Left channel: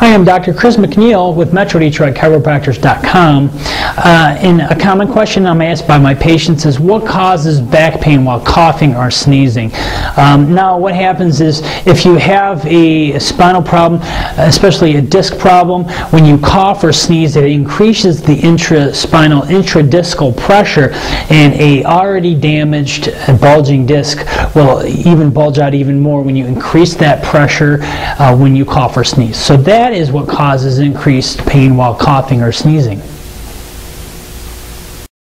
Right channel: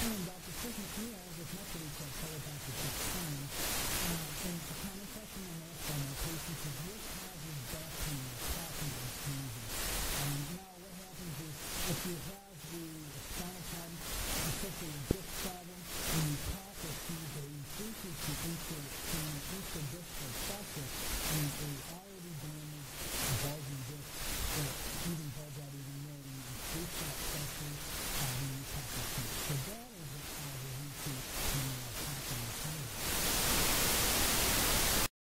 Hi, I'm Dr. Chris McNeil with Chiropractors.com. And a common question I'm asked by my patients is, what causes back pain while coughing or sneezing? Now, what happens is, if you have a spinal problem, especially a disc problem, when you cough or sneeze, it increases the intraspinal, intradiscal pressure, and a already damaged bulging disc will even bulge out even more when you increase that pressure when you cough or sneeze. So that is what causes increased pain while coughing or sneezing.